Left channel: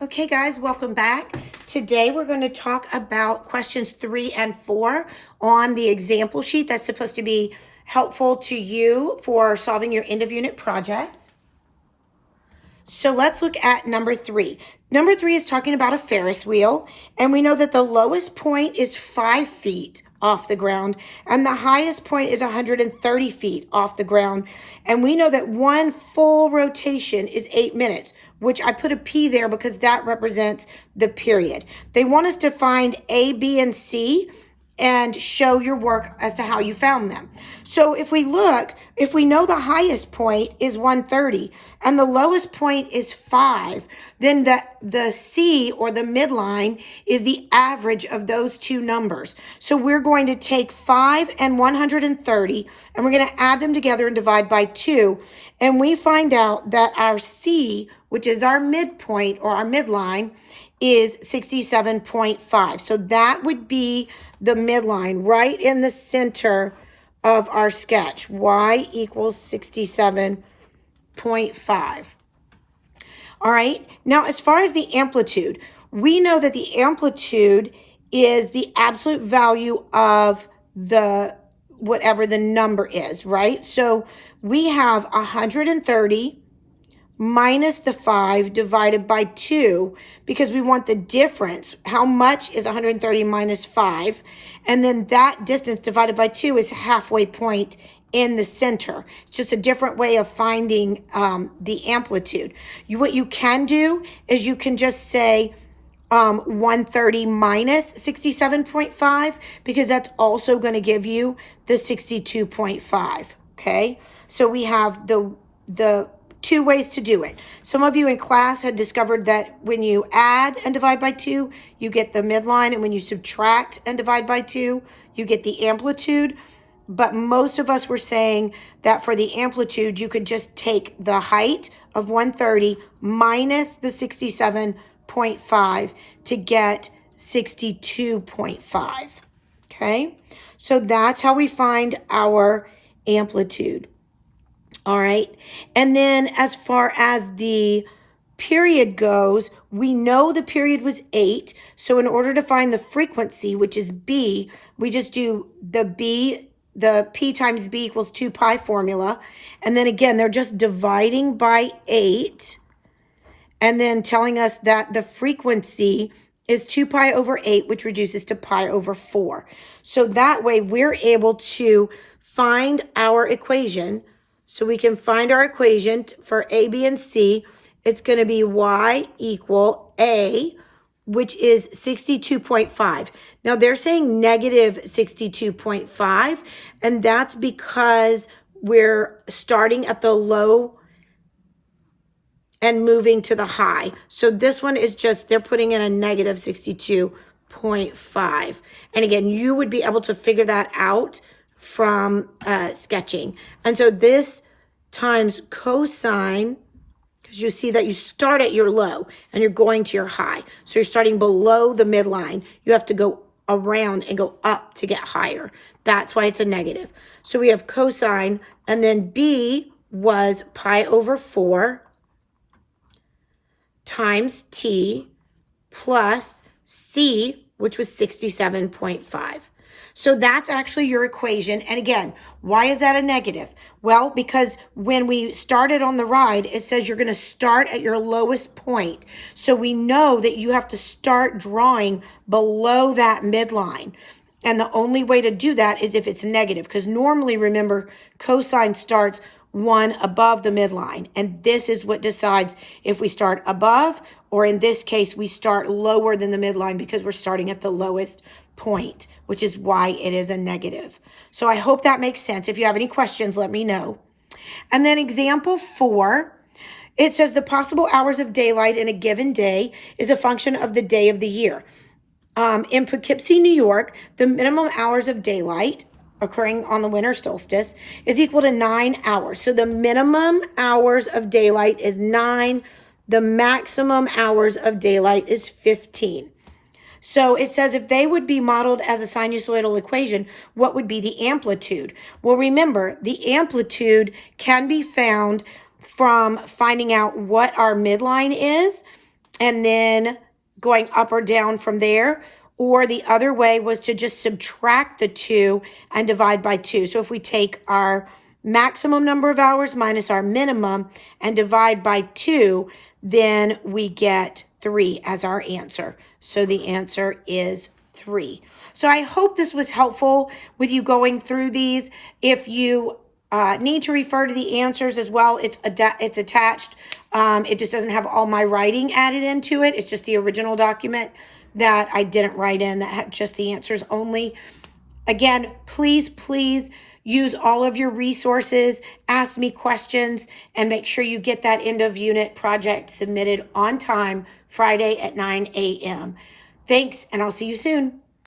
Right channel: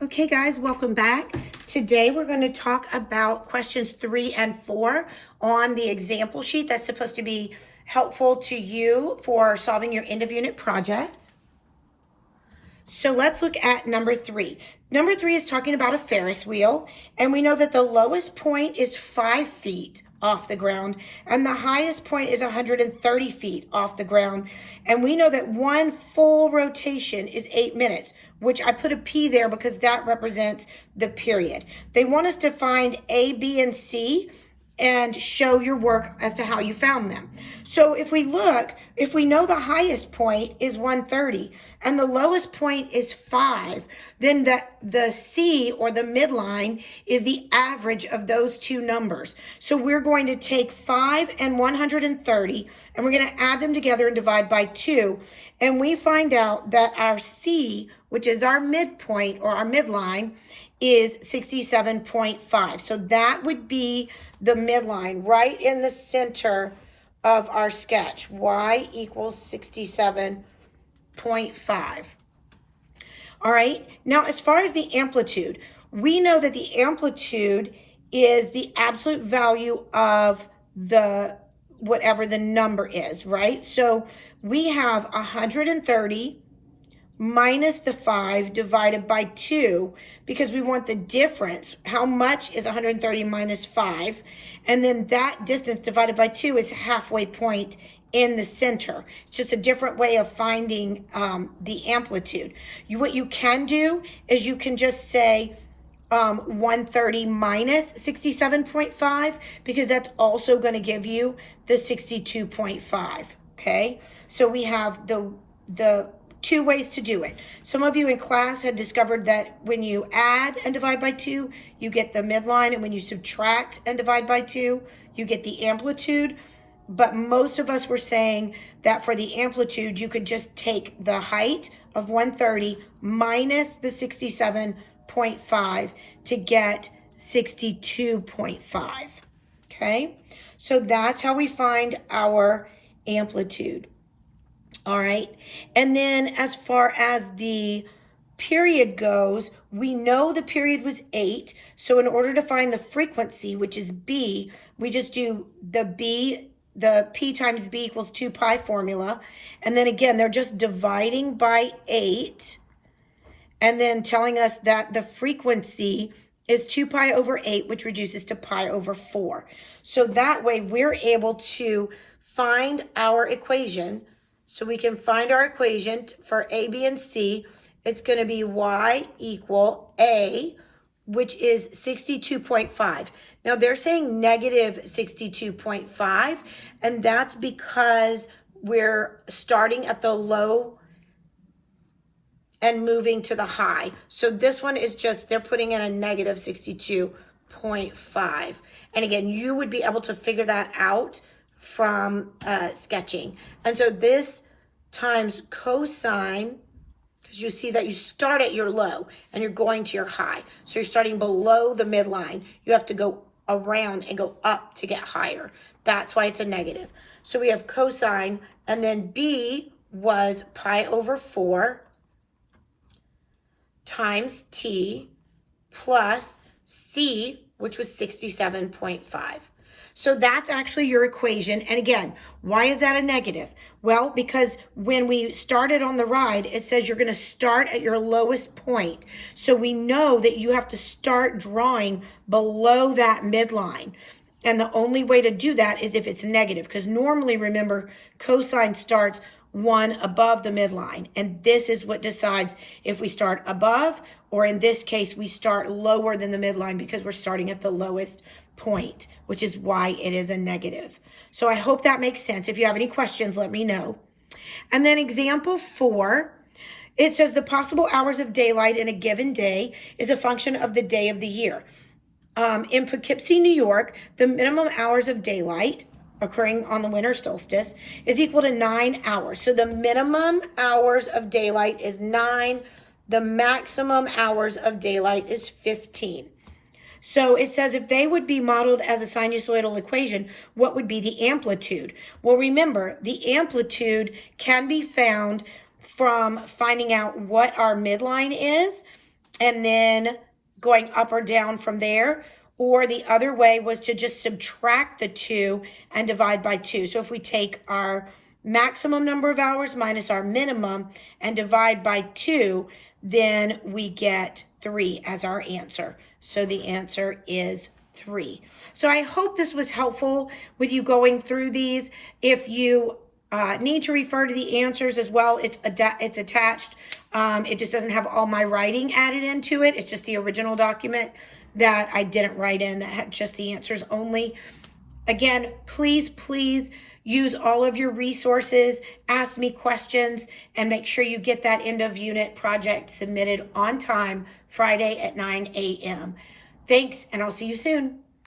Okay, guys, welcome back. Today we're going to talk about questions 3 and 4 on the example sheet that's supposed to be helpful to you for solving your end of unit project. So let's look at number 3. Number 3 is talking about a Ferris wheel, and we know that the lowest point is 5 feet off the ground, and the highest point is 130 feet off the ground. And we know that one full rotation is 8 minutes, which I put a P there because that represents the period. They want us to find A, B, and C and show your work as to how you found them. So if we look, if we know the highest point is 130 and the lowest point is 5, then the C or the midline is the average of those two numbers. So we're going to take 5 and 130 and we're going to add them together and divide by 2. And we find out that our C, which is our midpoint or our midline, is 67.5. So that would be the midline right in the center of our sketch. Y equals 67.5. All right. Now, as far as the amplitude, we know that the amplitude is the absolute value of the whatever the number is, right? So we have 130 minus the 5 divided by 2 because we want the difference. How much is 130 minus 5? And then that distance divided by 2 is halfway point in the center. It's just a different way of finding the amplitude. What you can do is you can just say 130 minus 67.5 because that's also going to give you the 62.5. Okay, so we have the two ways to do it. Some of you in class had discovered that when you add and divide by 2, you get the midline, and when you subtract and divide by 2, you get the amplitude. But most of us were saying that for the amplitude, you could just take the height of 130 minus the 67.5 to get 62.5. Okay, so that's how we find our amplitude. All right. And then as far as the period goes, we know the period was 8. So in order to find the frequency, which is B, we just do the P times B equals 2 pi formula. And then again, they're just dividing by 8 and then telling us that the frequency is 2 pi over 8, which reduces to pi over 4. So that way we're able to find our equation. So we can find our equation for A, B, and C. It's going to be Y equal A, which is 62.5. Now they're saying negative 62.5, and that's because we're starting at the low and moving to the high. So this one is just, they're putting in a negative 62.5. And again, you would be able to figure that out from sketching. And so this times cosine, because you see that you start at your low and you're going to your high. So you're starting below the midline. You have to go around and go up to get higher. That's why it's a negative. So we have cosine, and then B was pi over 4 times T plus C, which was 67.5. So that's actually your equation. And again, why is that a negative? Well, because when we started on the ride, it says you're going to start at your lowest point. So we know that you have to start drawing below that midline. And the only way to do that is if it's negative, because normally, remember, cosine starts 1 above the midline. And this is what decides if we start above, or in this case, we start lower than the midline because we're starting at the lowest point, which is why it is a negative. So I hope that makes sense. If you have any questions, let me know. And then example 4, it says the possible hours of daylight in a given day is a function of the day of the year. In Poughkeepsie, New York, the minimum hours of daylight occurring on the winter solstice is equal to 9 hours. So the minimum hours of daylight is 9. The maximum hours of daylight is 15. So it says if they would be modeled as a sinusoidal equation, what would be the amplitude? Well, remember, the amplitude can be found from finding out what our midline is and then going up or down from there. Or the other way was to just subtract the 2 and divide by 2. So if we take our maximum number of hours minus our minimum and divide by 2, then we get 3 as our answer. So the answer is 3. So I hope this was helpful with you going through these. If you need to refer to the answers as well, it's attached. It just doesn't have all my writing added into it. It's just the original document that I didn't write in, that had just the answers only. Again, please use all of your resources, ask me questions, and make sure you get that end of unit project submitted on time, Friday at 9 a.m. Thanks, and I'll see you soon.